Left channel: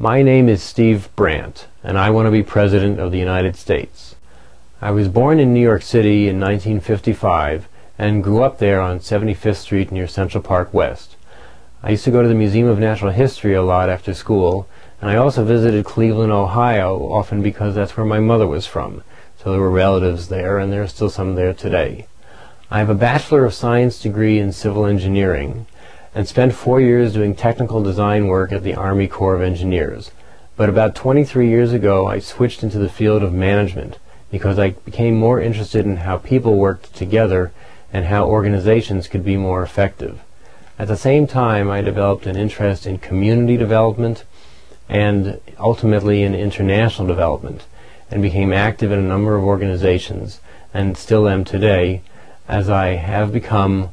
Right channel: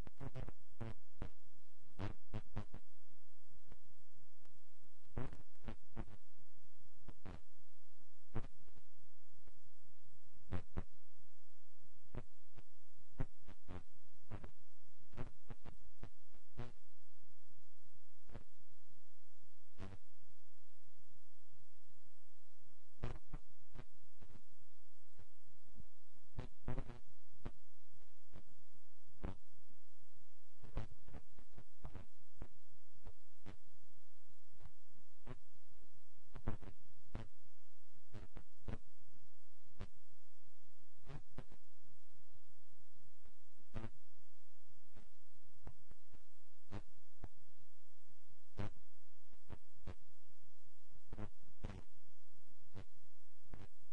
My name is Steve Brant, and I want to be President of the United States. I was born in New York City in 1955 and grew up there on 75th Street near Central Park West. I used to go to the Museum of Natural History a lot after school, and I also visited Cleveland, Ohio, often because that's where my mother was from. So there were relatives there, and there are still some there today. I have a Bachelor of Science degree in Civil Engineering, and spent 4 years doing technical design work at the Army Corps of Engineers. But about 23 years ago, I switched into the field of management because I became more interested in how people worked together and how organizations could be more effective. At the same time, I developed an interest in community development and ultimately in international development, and became active in a number of organizations, and still am today, as I have become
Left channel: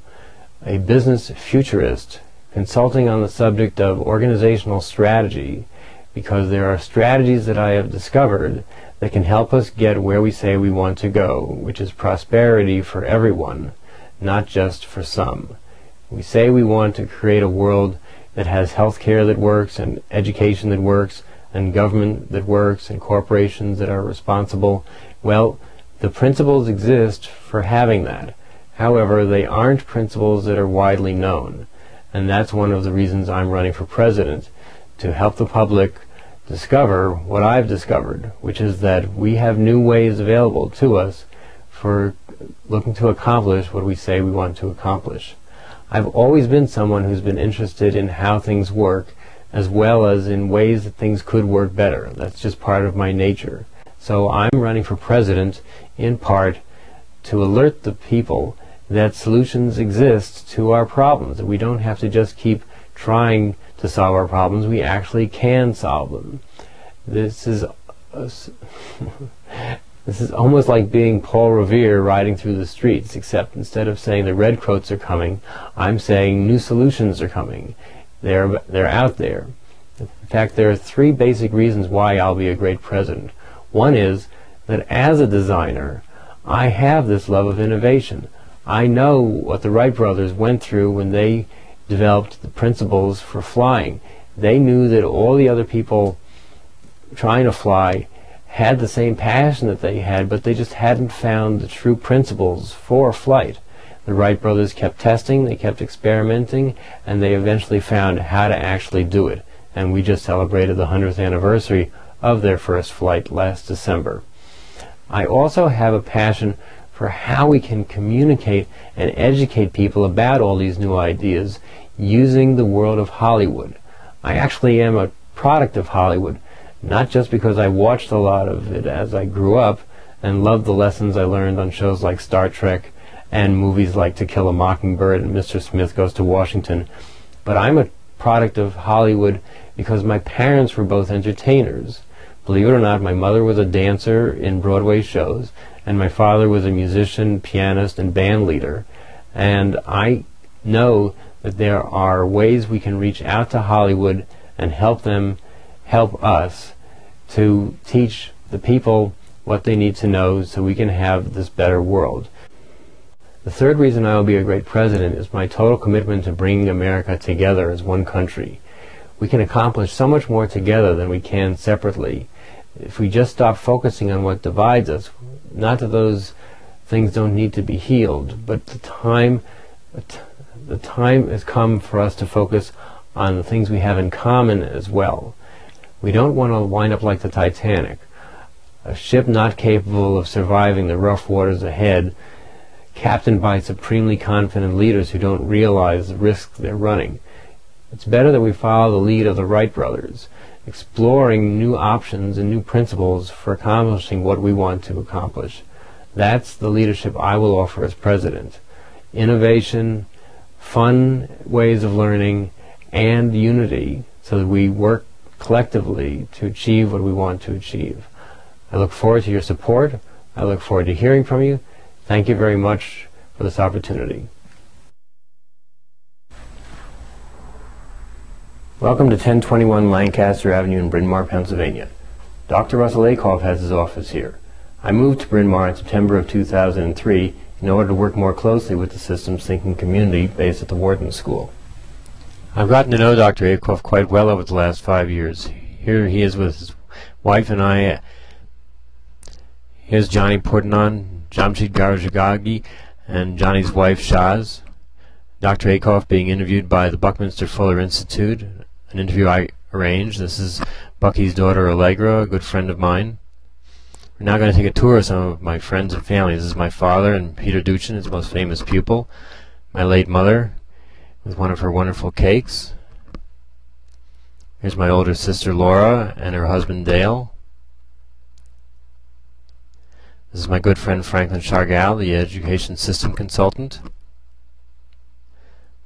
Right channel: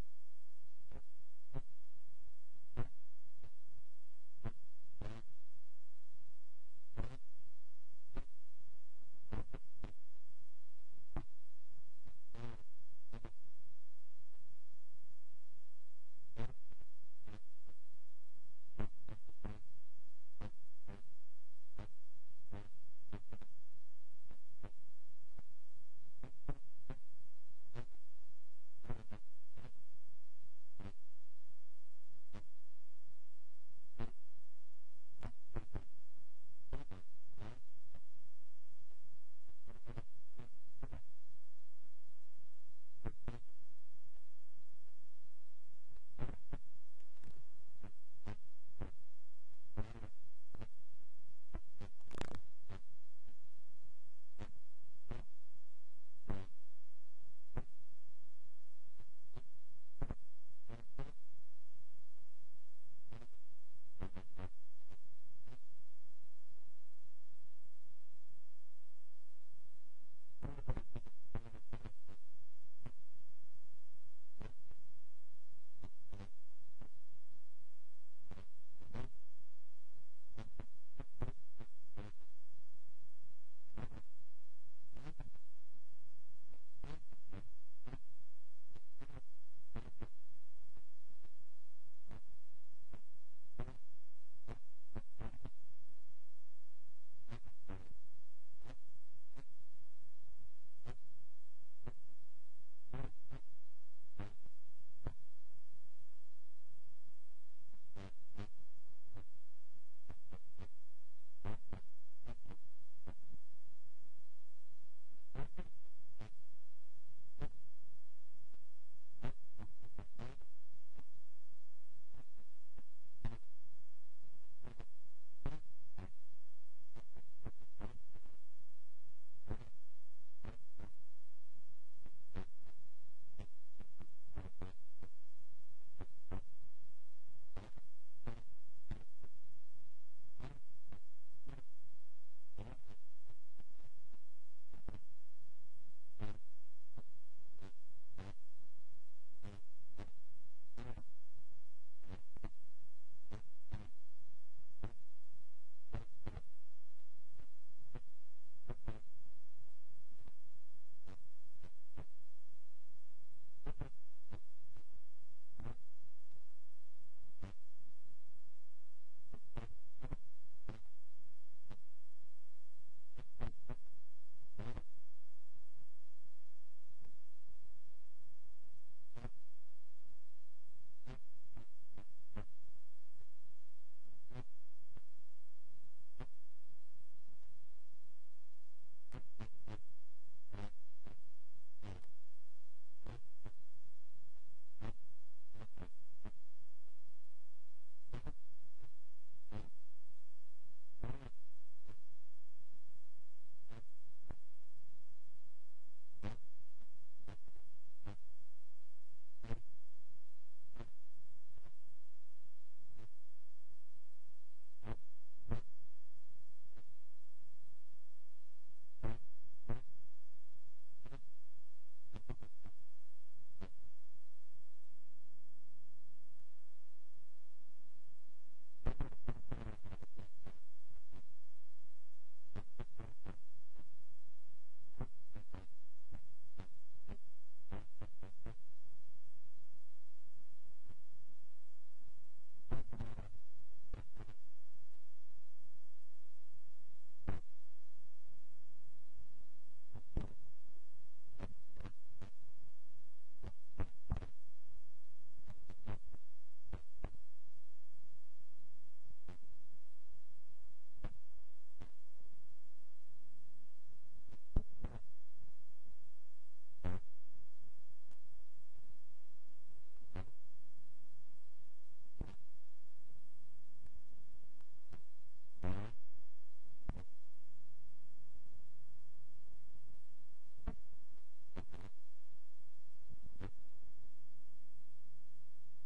a business futurist, consulting on the subject of organizational strategy, because there are strategies that I have discovered that can help us get where we say we want to go, which is prosperity for everyone, not just for some. We say we want to create a world that has healthcare that works, and education that works, and government that works, and corporations that are responsible. Well, the principles exist for having that. However, they aren't principles that are widely known, and that's one of the reasons I'm running for president, to help the public discover what I've discovered, which is that we have new ways available to us for looking to accomplish what we say we want to accomplish. I've always been someone who's been interested in how things work, as well as in ways that things could work better. That's just part of my nature. So I'm running for president in part to alert the people that solutions exist to our problems, that we don't have to just keep trying to solve our problems, we actually can solve them. This is almost like being Paul Revere riding through the streets, except instead of saying the redcoats are coming, I'm saying new solutions are coming. They're out there. In fact, there are three basic reasons why I'll be a great president. One is that as a designer, I have this love of innovation. I know what the Wright brothers went through when they developed the principles for flying. They knew that all the other people trying to fly had the same passion that they had, but they just hadn't found the true principles for flight. The Wright brothers kept testing, they kept experimenting, and they eventually found how to actually do it. And we just celebrated the 100th anniversary of their first flight last December. I also have a passion for how we can communicate and educate people about all these new ideas using the world of Hollywood. I actually am a product of Hollywood, not just because I watched a lot of it as I grew up and loved the lessons I learned on shows like Star Trek and movies like To Kill a Mockingbird and Mr. Smith Goes to Washington, but I'm a product of Hollywood because my parents were both entertainers. Believe it or not, my mother was a dancer in Broadway shows, and my father was a musician, pianist, and band leader. And I know that there are ways we can reach out to Hollywood and help them help us to teach the people what they need to know so we can have this better world. The third reason I will be a great president is my total commitment to bringing America together as one country. We can accomplish so much more together than we can separately. If we just stop focusing on what divides us, not that those things don't need to be healed, but the time has come for us to focus on the things we have in common as well. We don't want to wind up like the Titanic, a ship not capable of surviving the rough waters ahead, captained by supremely confident leaders who don't realize the risks they're running. It's better that we follow the lead of the Wright brothers, exploring new options and new principles for accomplishing what we want to accomplish. That's the leadership I will offer as president. Innovation, fun ways of learning, and unity so that we work collectively to achieve what we want to achieve. I look forward to your support. I look forward to hearing from you. Thank you very much for this opportunity. Welcome to 1021 Lancaster Avenue in Bryn Mawr, Pennsylvania. Dr. Russell Akoff has his office here. I moved to Bryn Mawr in September of 2003 in order to work more closely with the systems thinking community based at the Wharton School. I've gotten to know Dr. Akoff quite well over the last 5 years. Here he is with his wife and I. Here's Johnny Portnon, Jamshid Garjagagi, and Johnny's wife Shaz. Dr. Akoff being interviewed by the Buckminster Fuller Institute, an interview I arranged. This is Bucky's daughter Allegra, a good friend of mine. We're now going to take a tour of some of my friends and family. This is my father and Peter Duchin, his most famous pupil. My late mother with one of her wonderful cakes. Here's my older sister Laura and her husband Dale. This is my good friend Franklin Chargal, the education system consultant.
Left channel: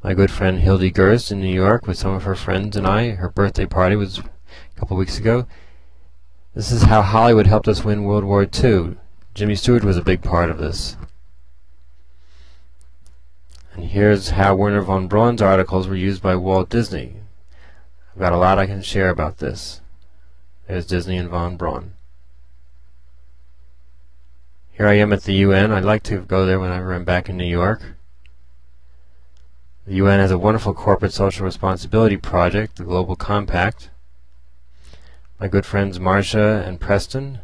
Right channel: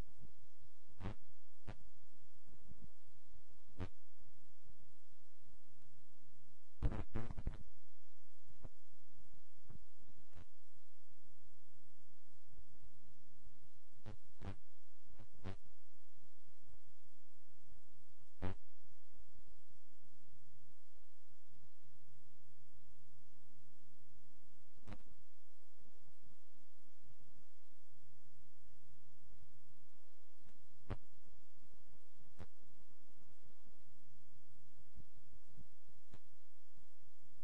My good friend Hildy Gerst in New York with some of her friends and I. Her birthday party was a couple weeks ago. This is how Hollywood helped us win World War II. Jimmy Stewart was a big part of this. And here's how Werner von Braun's articles were used by Walt Disney. I've got a lot I can share about this. There's Disney and von Braun. Here I am at the UN. I'd like to go there whenever I'm back in New York. The UN has a wonderful corporate social responsibility project, the Global Compact. My good friends Marcia and Preston.